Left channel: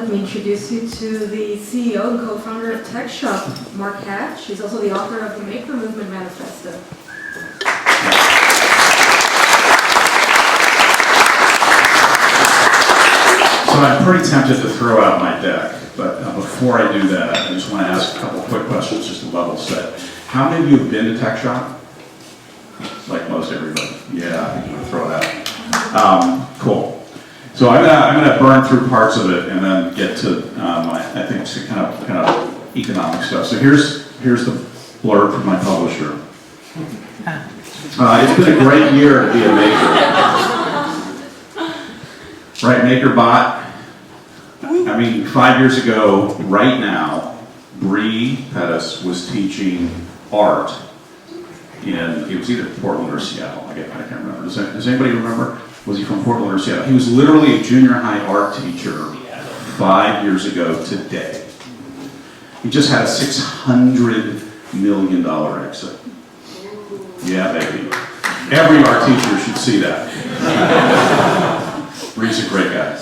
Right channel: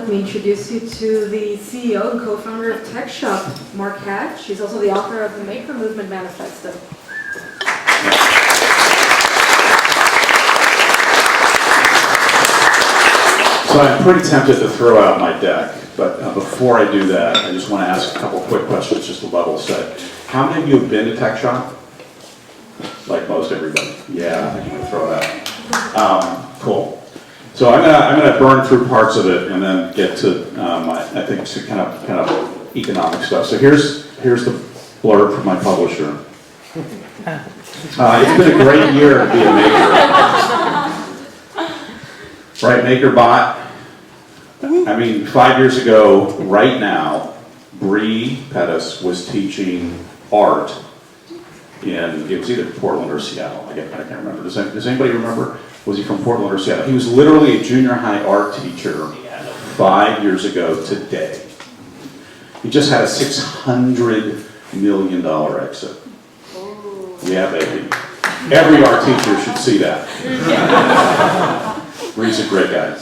let me introduce you to the CEO and co-founder of Tech Shop, Mark Hatch. He's also the author of the Maker Movement Manifesto. So I'm pretty tempted to throw out my deck, but before I do that, I just want to ask a couple quick questions just to level set. How many of you have been to Tech Shop? Like most everybody. Yeah, I think I'm going to throw it out. Cool. So I'm gonna burn through parts of it and then get to I think some kind of economic stuff. So here's the blurb from my publisher. It's been a great year to be a maker. Right, MakerBot. I mean, 5 years ago, right now, Bree Pettis was teaching art it was either Portland or Seattle. I can't remember. Does anybody remember? Was he from Portland or Seattle? He was literally a junior high art teacher 5 years ago today. He just had a $600 million exit. Yeah, baby. Every art teacher should see that. Bree's a great guy.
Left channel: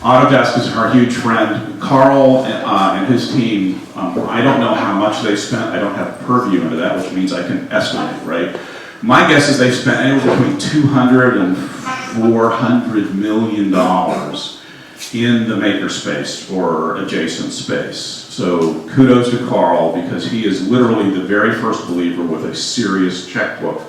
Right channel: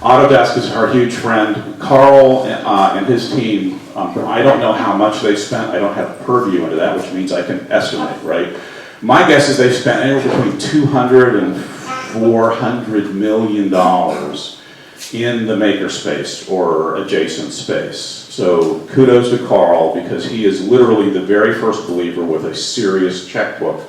Autodesk is our huge friend. Carl and his team, I don't know how much they spent. I don't have purview into that, which means I can estimate, right? My guess is they spent anywhere between $200 and $400 million in the makerspace or adjacent space. So kudos to Carl, because he is literally the very first believer with a serious checkbook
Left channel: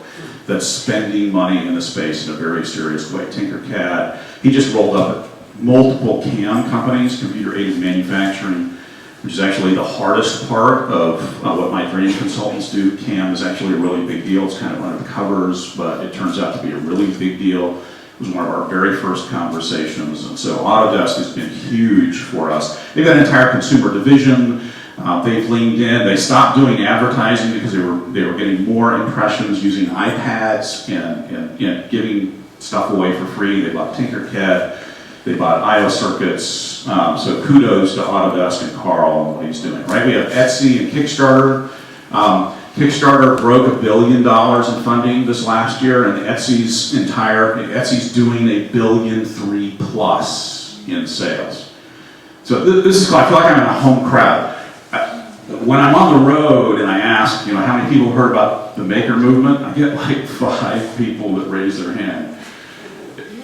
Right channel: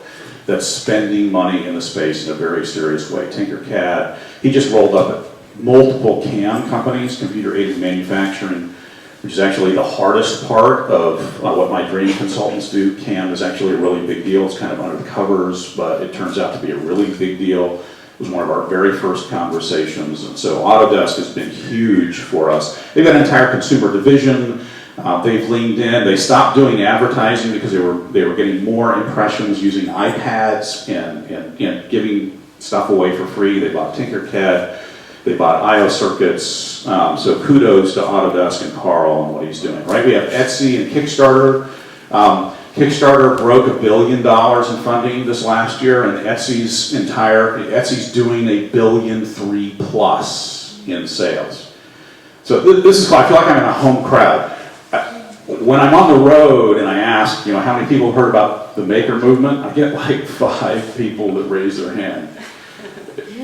that's spending money in the space in a very serious way. Tinkercad, he just rolled up multiple CAM companies, computer-aided manufacturing, which is actually the hardest part of what my dream consultants do. CAM is actually a really big deal. It's kind of under the covers, but it turns out to be a really big deal. It was one of our very first conversations, and so Autodesk has been huge for us. They've got an entire consumer division. They've leaned in. They stopped doing advertising because they were getting more impressions using iPads and giving stuff away for free. They bought Tinkercad. They bought IO Circuits. So kudos to Autodesk and Carl and what he's doing. Right? We have Etsy and Kickstarter. Kickstarter broke $1 billion in funding this last year, and Etsy's doing $1.3 billion plus in sales. So this is cool. I feel like I'm in a home crowd. When I'm on the road and I ask, how many people heard about the maker movement, I get like 5 people that raise their hand.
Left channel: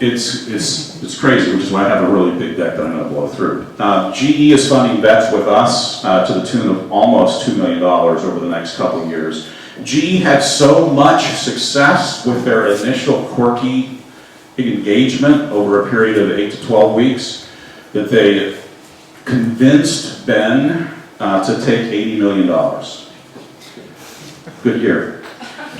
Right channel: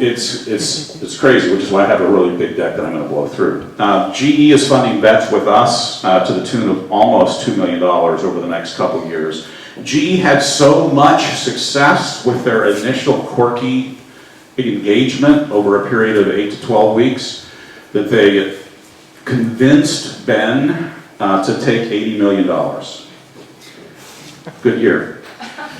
It's crazy, which is why I have a really big deck that I'm going to blow through. GE is funding bets with us to the tune of almost $2 million over the next couple of years. GE had so much success with their initial quirky engagement over a period of 8 to 12 weeks that they convinced Ben to take $80 million. Good year.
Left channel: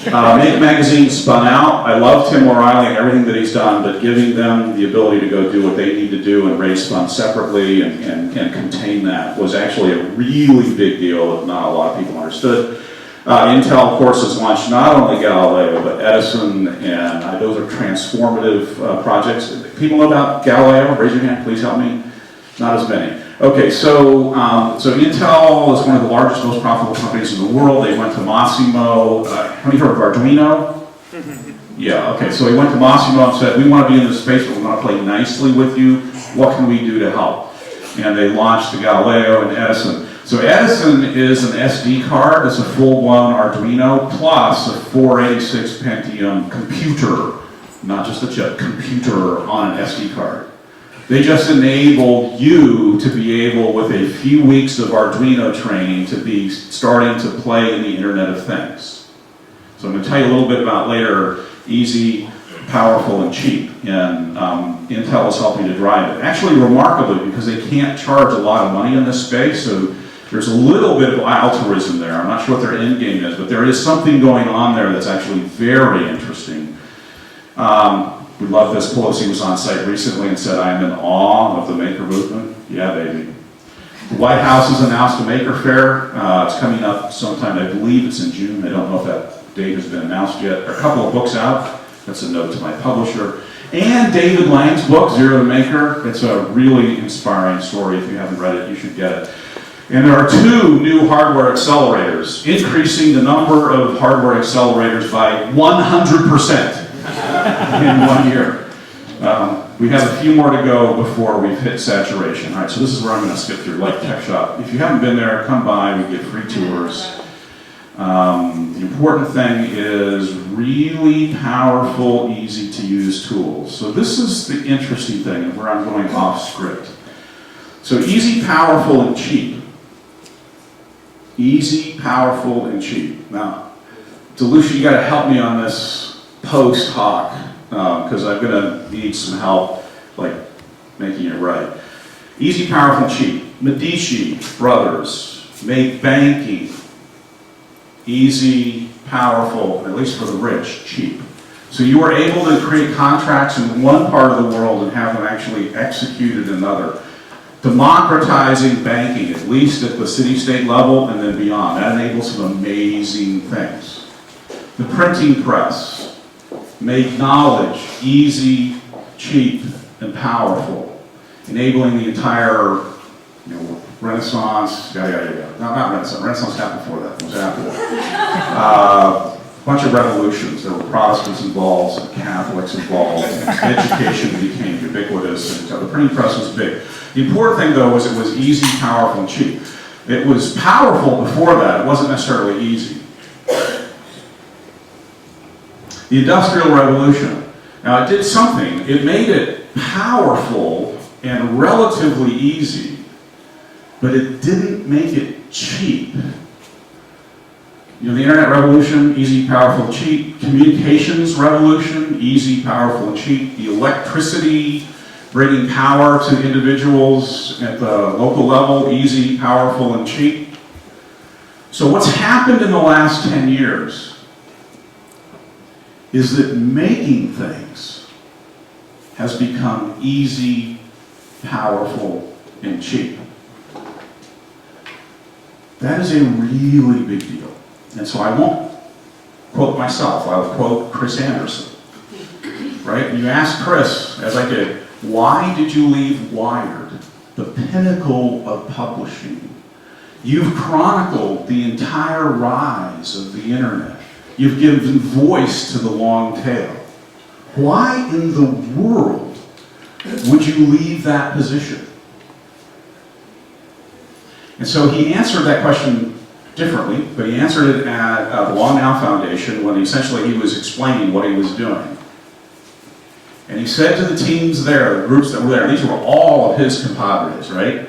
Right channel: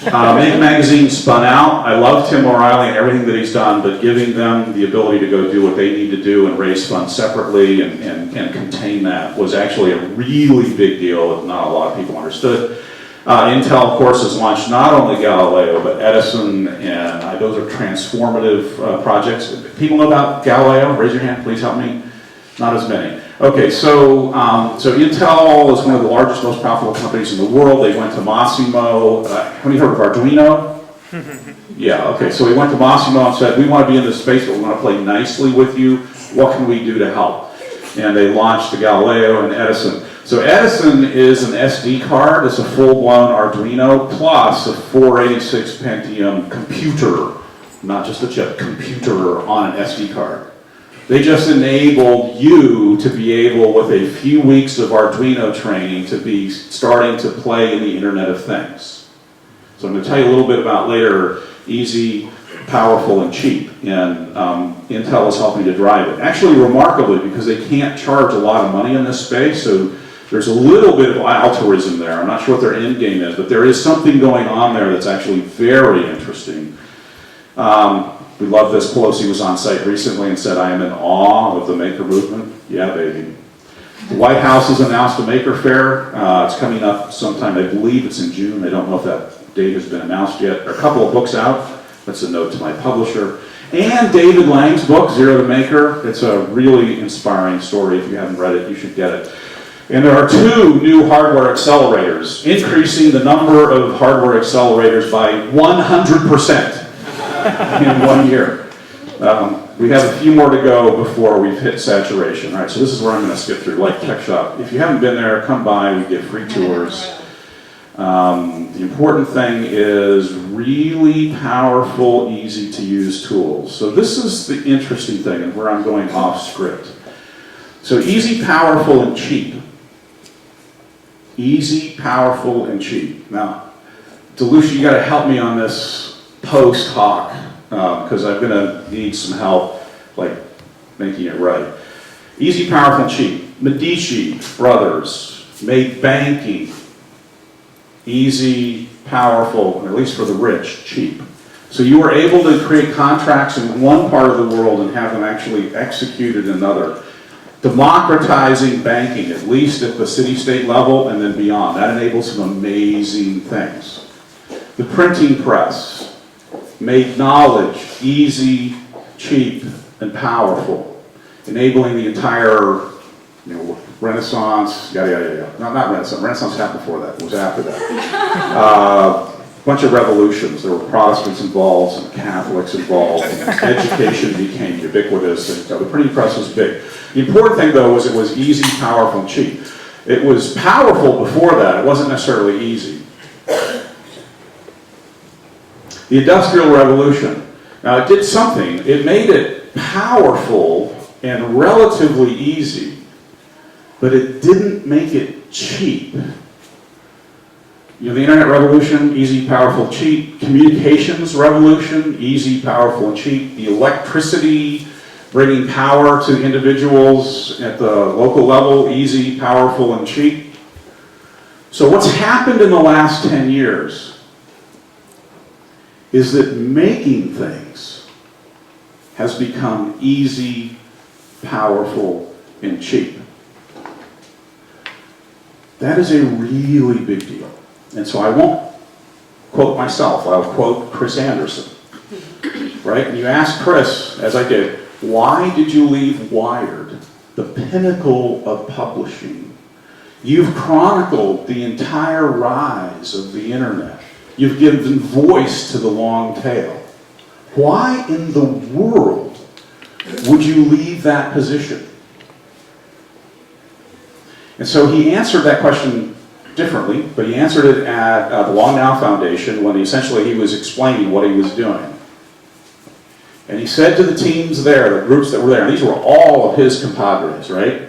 Make Magazine spun out. I love Tim O'Reilly and everything that he's done, but giving them the ability to go do what they need to do and raise funds separately and contain that was actually a really big deal that not a lot of people understood. Intel, of course, has launched not only Galileo, but Edison, and those are transformative projects. People know about Galileo? Raise your hand, please help me. Not as many. Okay, so Intel is one of the largest, most profitable companies in the world. They went to Massimo. Have you heard of Arduino? Yeah, okay, so we went to Massimo and said, we want to be in this space, but we want to play nicely with you. What can we do to help? And they launched the Galileo and Edison. So Edison is an SD card. It's a full-blown Arduino plus a 486 Pentium computer, not just a chip, computer on an SD card. They just enabled you to be able, with a few weeks of Arduino training, to be starting to play in the Internet of Things. So I'm going to tell you a little bit about later, easy, powerful, and cheap. And Intel is helping to drive it. Actually, remarkably, because they can't charge a lot of money in this space, so there's a little bit of altruism there. I'm not sure what their end game is, but there is something going on there that's actually very interesting. We love this. Pelosi was on site recently and said, I am in awe of the maker movement. Yeah, baby. The White House has announced a maker fair. It's coming up sometime. I believe it's in June. I don't know if that date has been announced yet. There are a couple of books out. That's a note to my publisher. And David Lang's book, Zero to Maker. It's a really inspiring story. If you haven't read it, you should get it. And there are 2 new hardware accelerators, increasing the number of hardware accelerators by 100%. In 1 year. We have a few more to go before we've hit saturation. All right, so this is where I'm going to skip through, like Tech Shop. If you haven't been there, come by. We get free tours. The important thing is really powerful, easy-to-use tools. So this is the interesting thing, and where I'm going off script. So easy, powerful, and cheap. Easy, powerful, and cheap. Now, DeLucia, you got to help me on this post hoc, because I'm going to need some help, like making it right. Easy, powerful, and cheap. Medici brothers made banking easy, powerful, at least for the rich, cheap. So you were able to create contracts in one part of the world and have them actually executed in another. Democratizing banking, at least at the city-state level and then beyond. That enables some amazing things. The printing press made knowledge easy, cheap, and powerful, enabling the entire Renaissance, yada, yada, yada. Not Renaissance. Renaissance happened before that. It was after that. Bunch of revolutions. There were Protestants involved, some Catholics involved. Education became ubiquitous, and the printing press was big. The important thing, though, was it was easy, powerful, and cheap. It was powerful before that. It wasn't necessarily easy. The Industrial Revolution. Now, it did something. It made it powerful and relatively easy, but it didn't make it cheap. You know, the Internet revolution, easy, powerful, cheap. Communications revolution, easy, powerful, and cheap. The electricity, bringing power to individuals at the local level, easy, powerful, and cheap. So what's happened in the last 10 years is that making things has become easy, powerful, and cheap. That is a really big deal. And so I won't quote myself, I'll quote Chris Anderson. Right? And you ask Chris, as I did, why did you leave Wired, the pinnacle of publishing? You've chronicled the entire rise of the internet. You've given voice to the long tail. Why in the world would you leave that position? And so he answered that question differently, but he answered it at the Long Now Foundation when essentially he was explaining what he was doing. And he said to the teams there, the groups that were there, these were all of his compadres, right?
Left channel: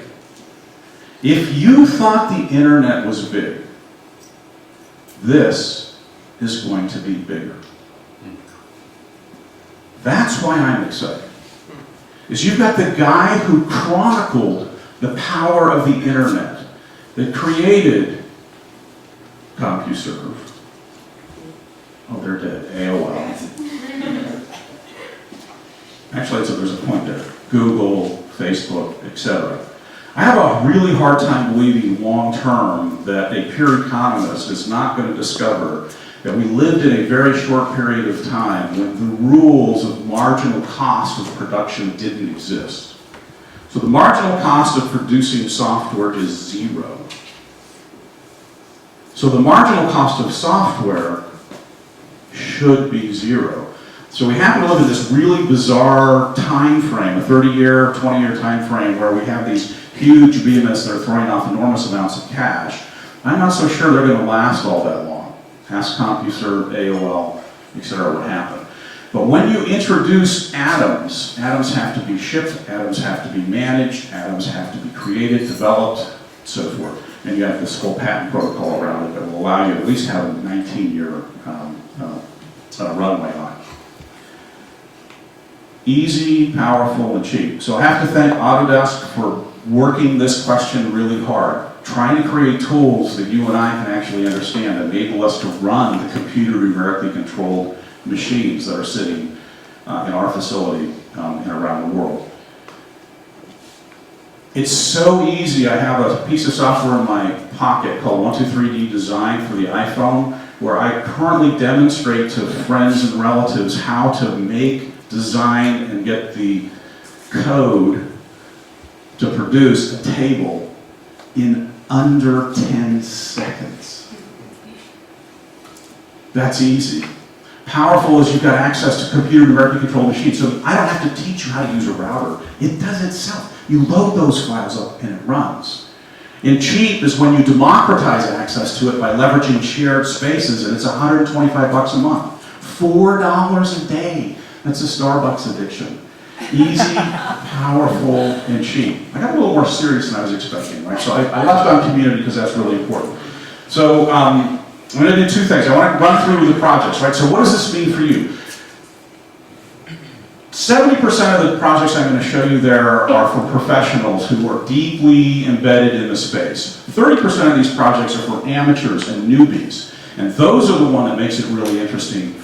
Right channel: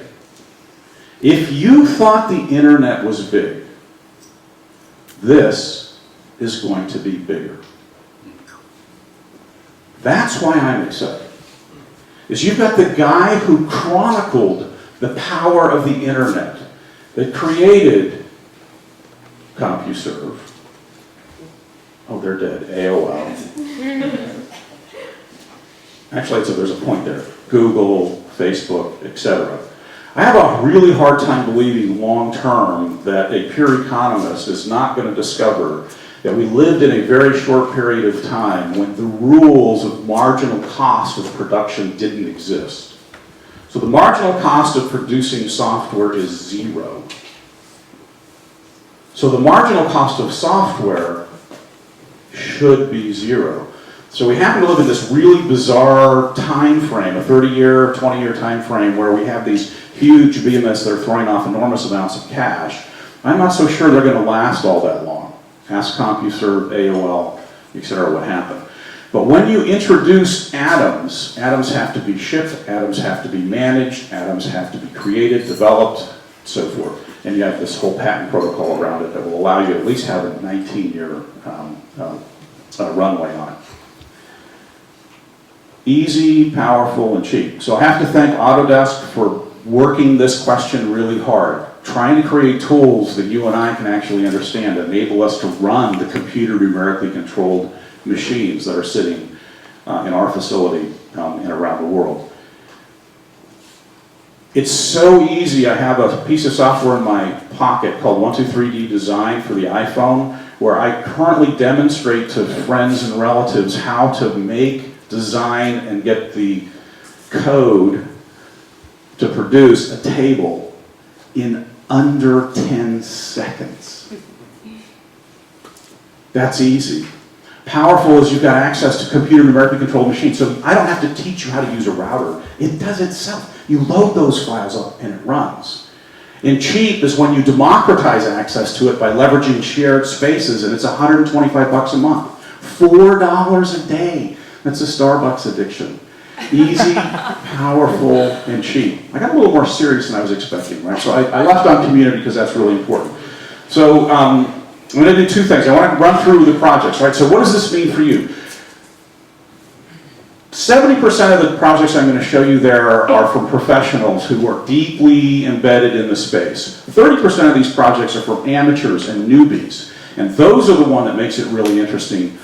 If you thought the internet was big, this is going to be bigger. That's why I'm excited. Is you've got the guy who chronicled the power of the internet, that created CompuServe. Oh, they're dead. AOL. Actually, there's a point there. Google, Facebook, etc. I have a really hard time believing long-term that a pure economist is not going to discover that we lived in a very short period of time when the rules of marginal cost of production didn't exist. So the marginal cost of producing software is zero. So the marginal cost of software should be zero. So we happen to live in this really bizarre time frame, a 30-year, 20-year time frame where we have these huge behemoths that are throwing off enormous amounts of cash. I'm not so sure they're going to last all that long. Ask CompuServe, AOL, etc. what happened. But when you introduce atoms, atoms have to be shipped, atoms have to be managed, atoms have to be created, developed, so forth. And you have this whole patent protocol around it that will allow you to at least have a 19-year runway on it. Easy, powerful, and cheap. So I have to thank Autodesk for working this question really hard, trying to create tools that you and I can actually understand that enable us to run the computer numerically controlled machines that are sitting in our facility and around the world. It's so easy. I have a piece of software in my pocket called 123D Design for the iPhone, where I currently demonstrate to friends and relatives how to make, design, and get the code to produce a table in under 10 seconds. That's easy. Powerful is you've got access to computer numerically controlled machines. So I don't have to teach you how to use a router. It does itself. You load those files up and it runs. And cheap is when you democratize access to it by leveraging shared spaces, and it's $125 a month. $4 a day. That's a Starbucks addiction. Easy, powerful, and cheap. I got a little more serious than I was expecting, right? So I left on community because that's really important. So I'm going to do two things. I want to run through the projects, right? So what does this mean for you? 70% of the projects I'm going to show you there are from professionals who are deeply embedded in the space. 30% of these projects are from amateurs and newbies, and those are the one that makes it really interesting.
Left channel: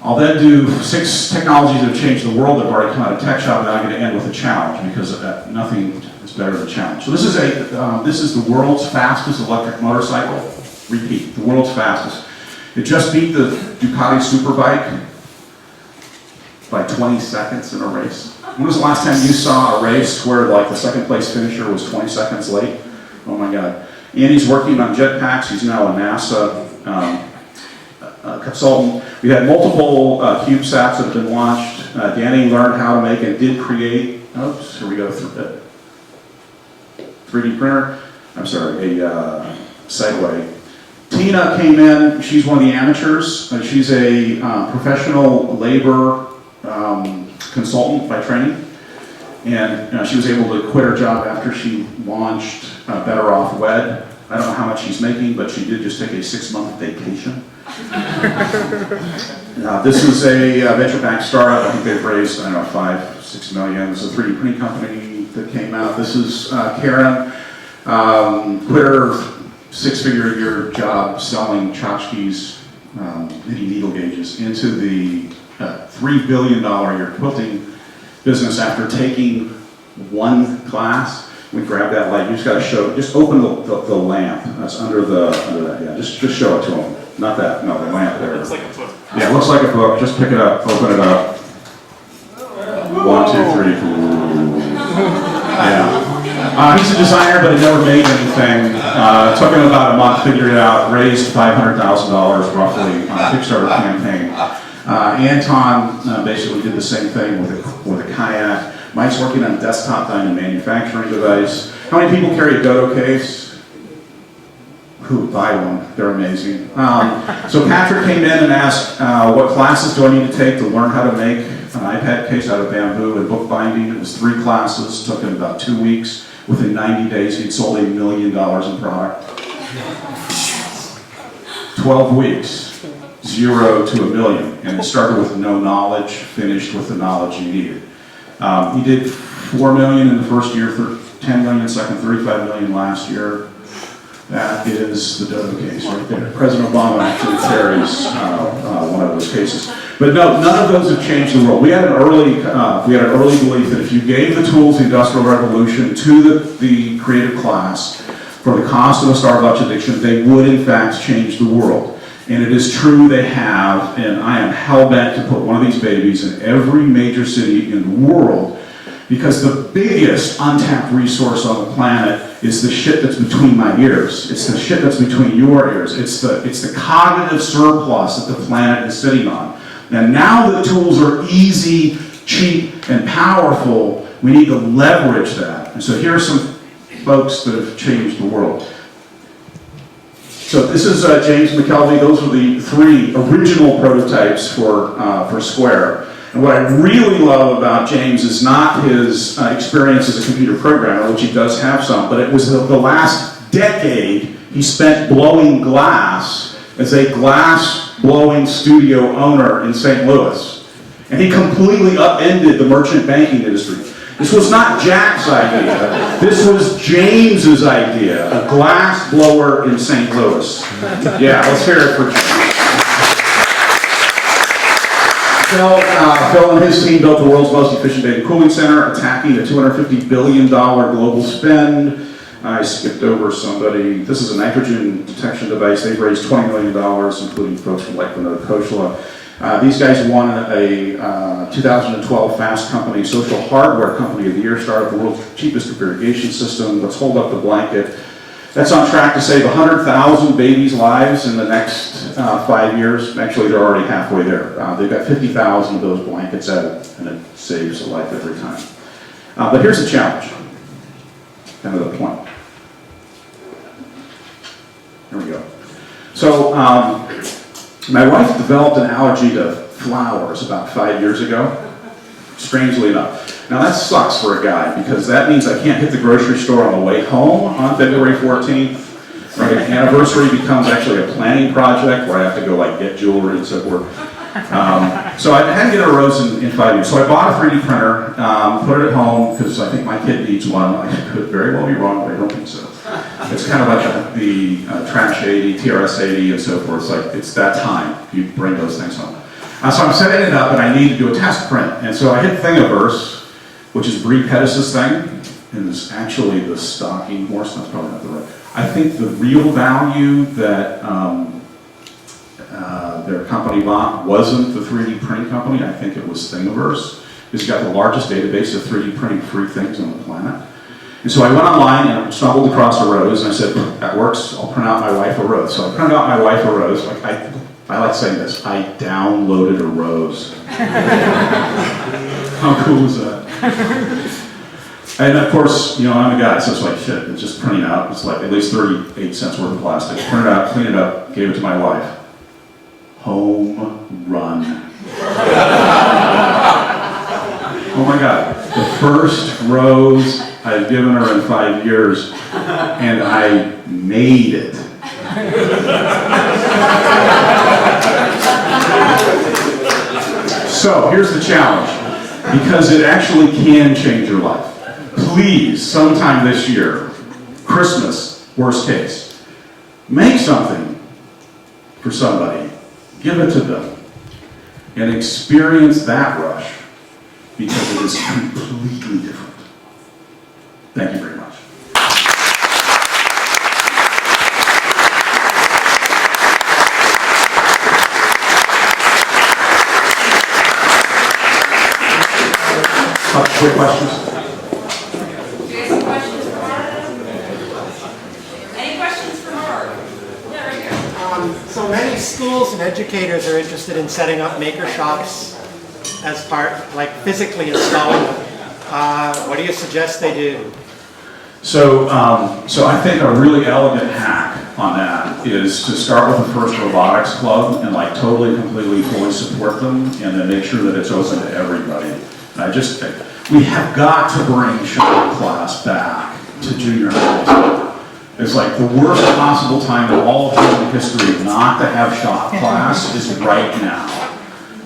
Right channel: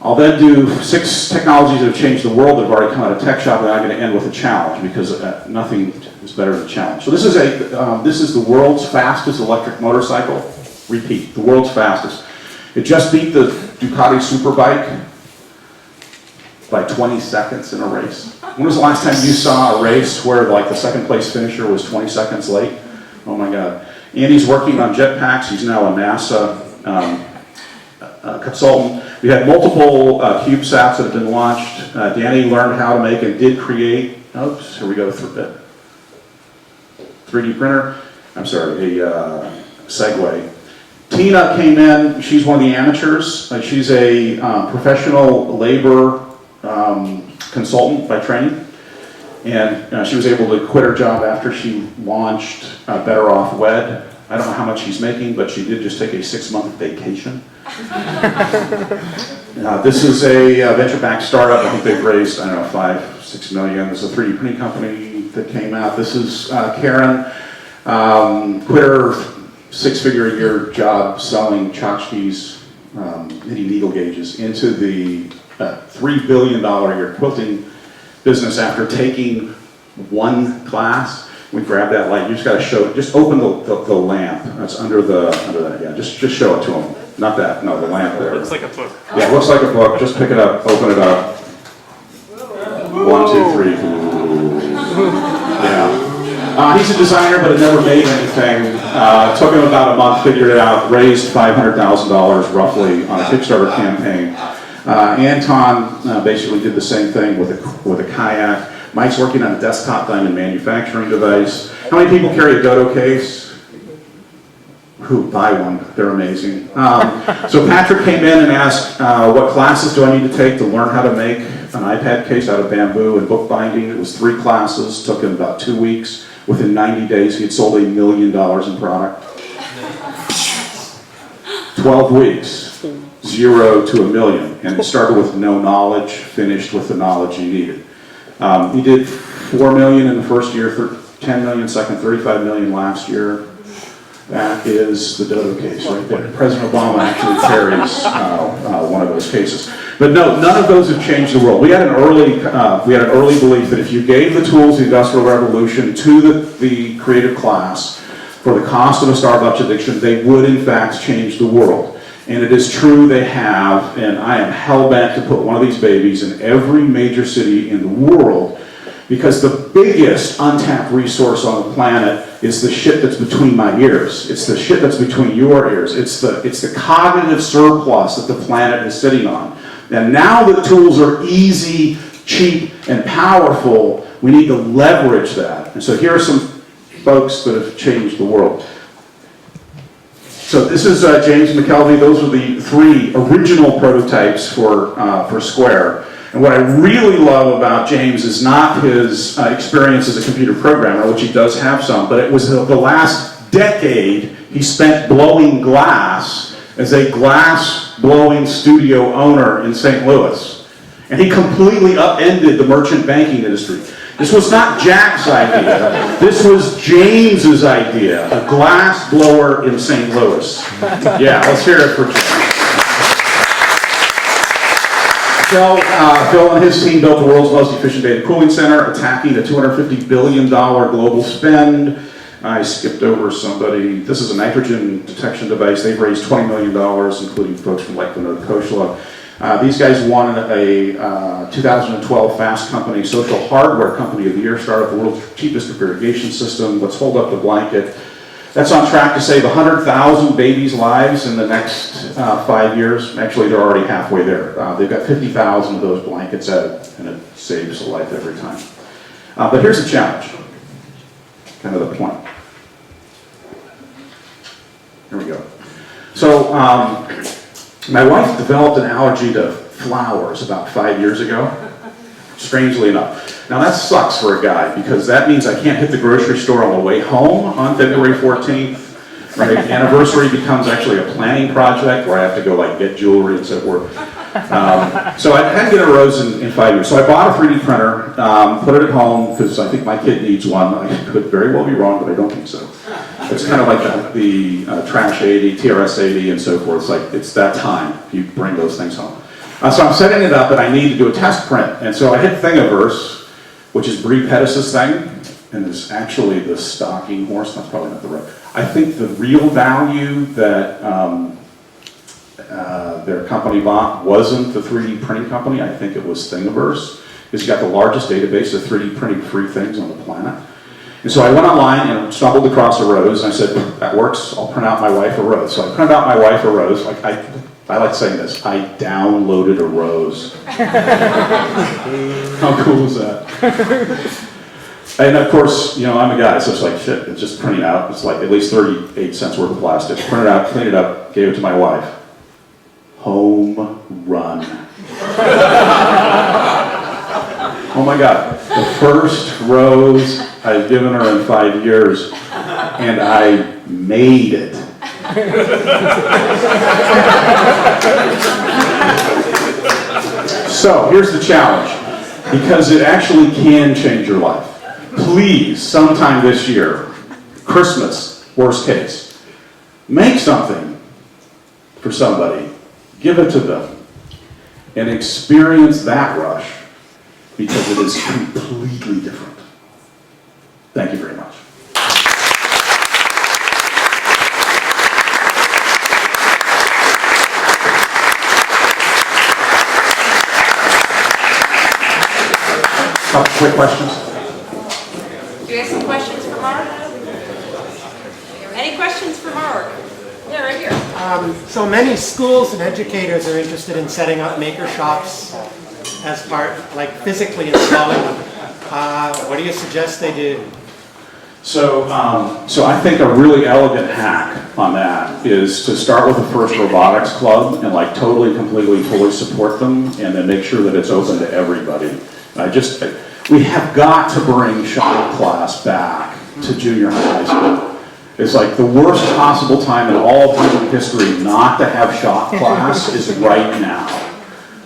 I'll then do 6 technologies that have changed the world that have already come out of Tech Shop, and I'm going to end with a challenge, because nothing is better than a challenge. So this is the world's fastest electric motorcycle. Repeat, the world's fastest. It just beat the Ducati Superbike by 20 seconds in a race. When was the last time you saw a race where like the second place finisher was 20 seconds late? Oh my God. Andy's working on jetpacks. He's now a NASA consultant. We had multiple CubeSats that have been launched. Danny learned how to make and did create, oops, here we go, 3D printer. I'm sorry, a Segway. Tina came in, she's one of the amateurs. She's a professional labor consultant by training. And she was able to quit her job after she launched Better Off Wed. I don't know how much she's making, but she did just take a 6-month vacation. This is a venture-backed startup. I think they've raised, I don't know, $5-6 million. This is a 3D printing company that came out. This is Karen, quit her 6-figure-a-year job selling tchotchkes, knitting needle gauges, into the $3 billion a year quilting business after taking one class. We grab that light. You just got to show. Just open the lamp. That's under that. Yeah, just show it to them. Not that. No, the lamp there. It looks like a book. Yeah, it looks like a book. Just pick it up. Open it up. 1, 2, 3. Yeah. He's a designer, but it never made anything. Took him about a month, figured it out, raised $500,000 roughly on a Kickstarter campaign. Anton basically did the same thing with a kayak. Mike's working on a desktop diamond manufacturing device. How many people carry a Dodo case? Who? Buy one. They're amazing. So Patrick came in and asked, what classes do I need to take to learn how to make an iPad case out of bamboo and bookbinding? It was 3 classes, took him about 2 weeks. Within 90 days, he had sold $1 million in product. 12 weeks, 0 to $1 million. And it started with no knowledge, finished with the knowledge he needed. He did $4 million in the first year, $10 million second, $35 million last year. That is the Dodo case right there. President Obama actually carries one of those cases. But no, none of those have changed the world. We had an early belief that if you gave the tools of the Industrial Revolution to the creative class for the cost of a Starbucks addiction, they would in fact change the world. And it is true they have, and I am hell-bent to put one of these babies in every major city in the world, because the biggest untapped resource on the planet is the shit that's between my ears. It's the shit that's between your ears. It's the cognitive surplus that the planet is sitting on. And now the tools are easy, cheap, and powerful. We need to leverage that. And so here are some folks that have changed the world. So this is James McKelvey. Those are the 3 original prototypes for Square. And what I really love about James is not his experience as a computer programmer, which he does have some, but it was the last decade he spent blowing glass as a glass-blowing studio owner in St. Louis. And he completely upended the merchant banking industry. This was not Jack's idea. This was James's idea, a glass blower in St. Louis. Yeah, let's hear it for James. Phil and his team built the world's most efficient data cooling center, attacking a $250 billion global spend. I skipped over somebody. This is a nitrogen detection device. They've raised $20 million, including folks from like Vinod Khosla. These guys won a 2012 Fast Company Social Hardware Company of the Year, started the world's cheapest irrigation system. Let's hold up the blanket. That's on track to save 100,000 babies' lives in the next 5 years. Actually, they're already halfway there. They've got 50,000 of those blankets out, and it saves a life every time. But here's the challenge. Kind of the point. There we go. So, my wife developed an allergy to flowers about 5 years ago, strangely enough. Now that sucks for a guy, because that means I can't hit the grocery store on the way home on February 14th. Right? Anniversary becomes actually a planning project where I have to go like get jewelry and so forth. So I hadn't get a rose in 5 years. So I bought a 3D printer, put it at home, because I think my kid needs one. I could very well be wrong, but I don't think so. It's kind of like the Trash 80, TRS 80, and so forth. It's like, it's that time you bring those things home. So I'm setting it up, and I need to do a test print. And so I hit Thingiverse, which is Brie Pettis' thing, and it's actually the stalking horse. That's probably not the right. I think the real value that their company bought wasn't the 3D printing company. I think it was Thingiverse. It's got the largest database of 3D printing free things on the planet. And so I went online and stumbled across a rose, and I said, that works, I'll print out my wife a rose. So I printed out my wife a rose. Like I like saying this, I downloaded a rose. How cool is that? And of course, you know, I'm a guy, so it's like, shit, it's just printing out. It's like at least 38 cents worth of plastic. Print it out, clean it up, gave it to my wife. Home run. Oh my God, the first rose I've given her in 5 years, and I made it. So here's the challenge, because it actually can change your life. Please, sometime this year, Christmas, worst case, make something for somebody, give it to them, and experience that rush, because it is completely different. Thank you very much. Quick questions? Do you have some questions for Mark? Any questions for Mark? Yeah, right here. So many schools and educators are interested in setting up maker shops as part, like physically installing them. What do you suggest they do? So I think a really elegant hack on that is to start with the first robotics club and like totally, completely, fully support them, and then make sure that it's open to everybody. We have got to bring shop class back to junior high school. It's like the worst possible time in all of human history not to have shop class is right now.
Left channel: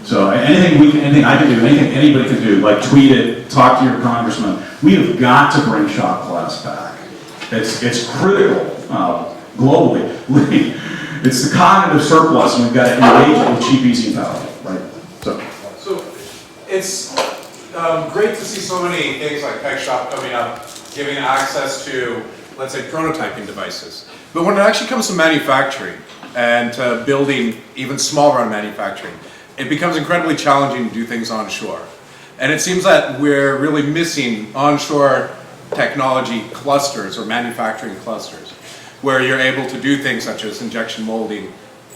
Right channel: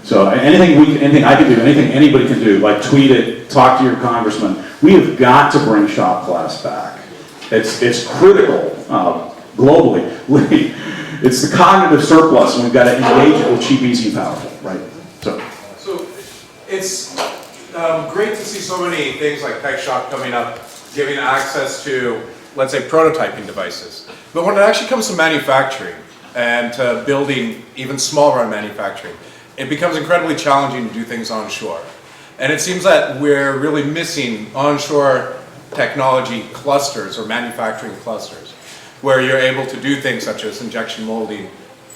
So anything I can do, anything anybody can do, like tweet it, talk to your congressman, we have got to bring shop class back. It's critical globally. It's the cognitive surplus, and we've got to engage it with cheap, easy power, right? So it's great to see so many things like Tech Shop coming up, giving access to, let's say, prototyping devices. But when it actually comes to manufacturing and to building even small run manufacturing, it becomes incredibly challenging to do things onshore. And it seems that we're really missing onshore technology clusters or manufacturing clusters, where you're able to do things such as injection molding,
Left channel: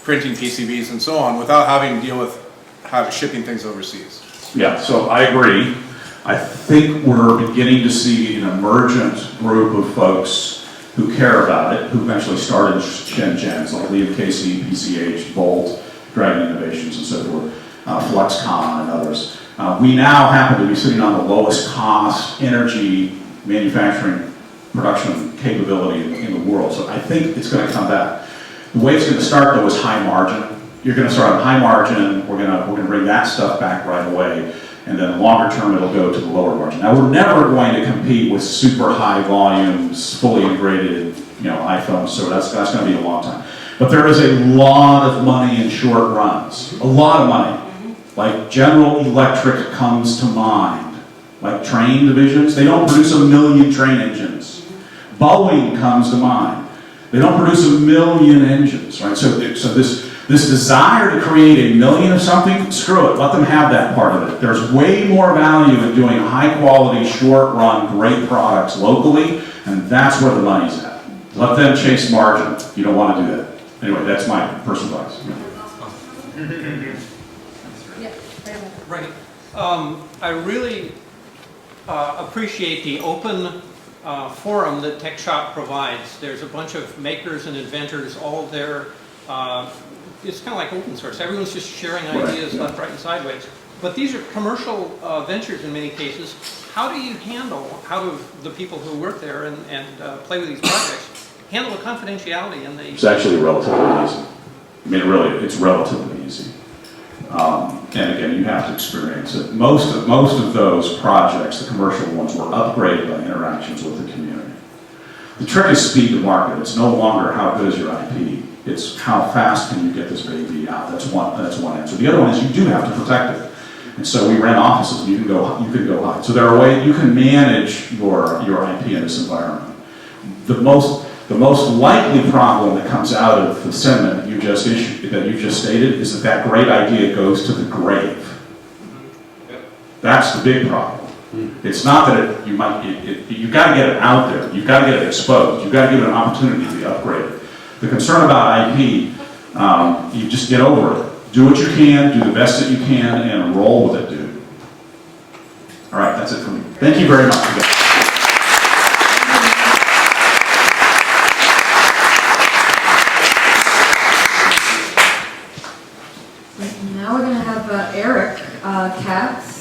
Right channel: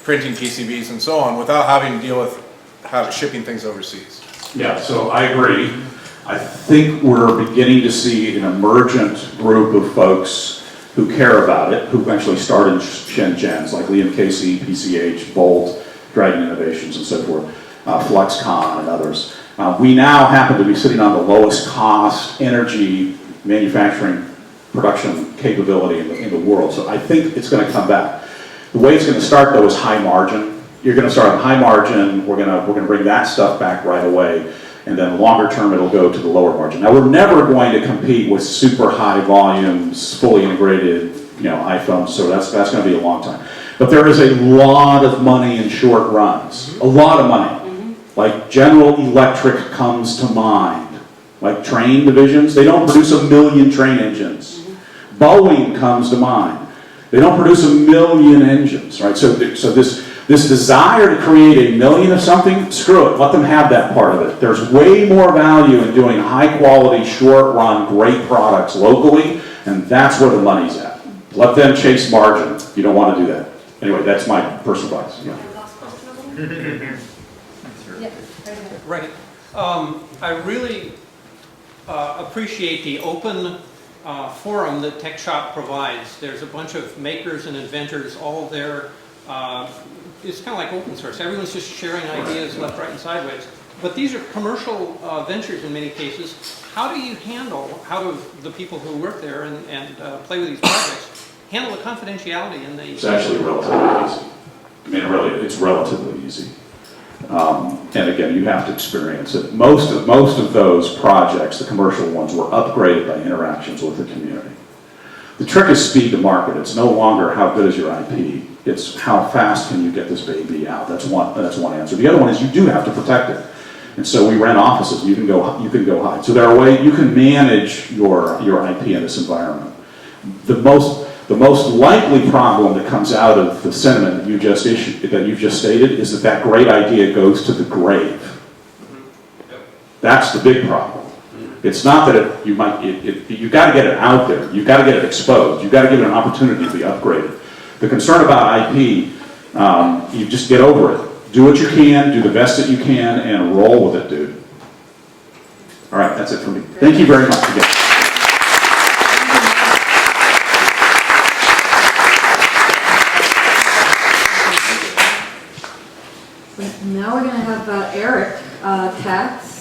printing PCBs and so on, without having to deal with shipping things overseas. yeah, so I agree. I think we're beginning to see an emergent group of folks who care about it, who actually started Shenzhen's, like Liam Casey, PCH, Volt, Dragon Innovations, and so forth, Fluxcon and others. We now happen to be sitting on the lowest cost energy manufacturing production capability in the world. So I think it's going to come back. The way it's going to start, though, is high margin. You're going to start on high margin. We're going to bring that stuff back right away, and then longer term it'll go to the lower margin. Now we're never going to compete with super high volumes, fully integrated, iPhones. So that's going to be a long time. But there is a lot of money in short runs. A lot of money. Like General Electric comes to mind. Like train divisions, they don't produce 1 million train engines. Boeing comes to mind. They don't produce 1 million engines, right? So this desire to create 1 million of something, screw it, let them have that part of it. There's way more value in doing high quality, short run, great products locally, and that's where the money's at. Let them chase margin. You don't want to do that. Anyway, that's my personal advice. Yeah. Yeah, right ahead. Right. I really appreciate the open forum that Tech Shop provides. There's a bunch of makers and inventors all there. It's kind of like open source. Everyone's just sharing ideas left, right, and sideways. But these are commercial ventures in many cases. How do the people who work there and play with these projects handle the confidentiality and the... It's actually relatively easy. I mean, really, it's relatively easy. And again, you have to experience it. Most of those projects, the commercial ones, were upgraded by interactions with the community. The trick is speed to market. It's no longer how good is your IP. It's how fast can you get this baby out. That's one answer. The other one is you do have to protect it. And so we ran offices. You can go high. So there are ways you can manage your IP in this environment. The most likely problem that comes out of the sentiment that you just stated is that great idea goes to the grave. That's the big problem. It's not that you got to get it out there. You've got to get it exposed. You've got to give it an opportunity to be upgraded. The concern about IP, you just get over it. Do what you can, do the best that you can, and roll with it, dude. All right, that's it for me. Thank you very much again. Now we're going to have Eric Katz.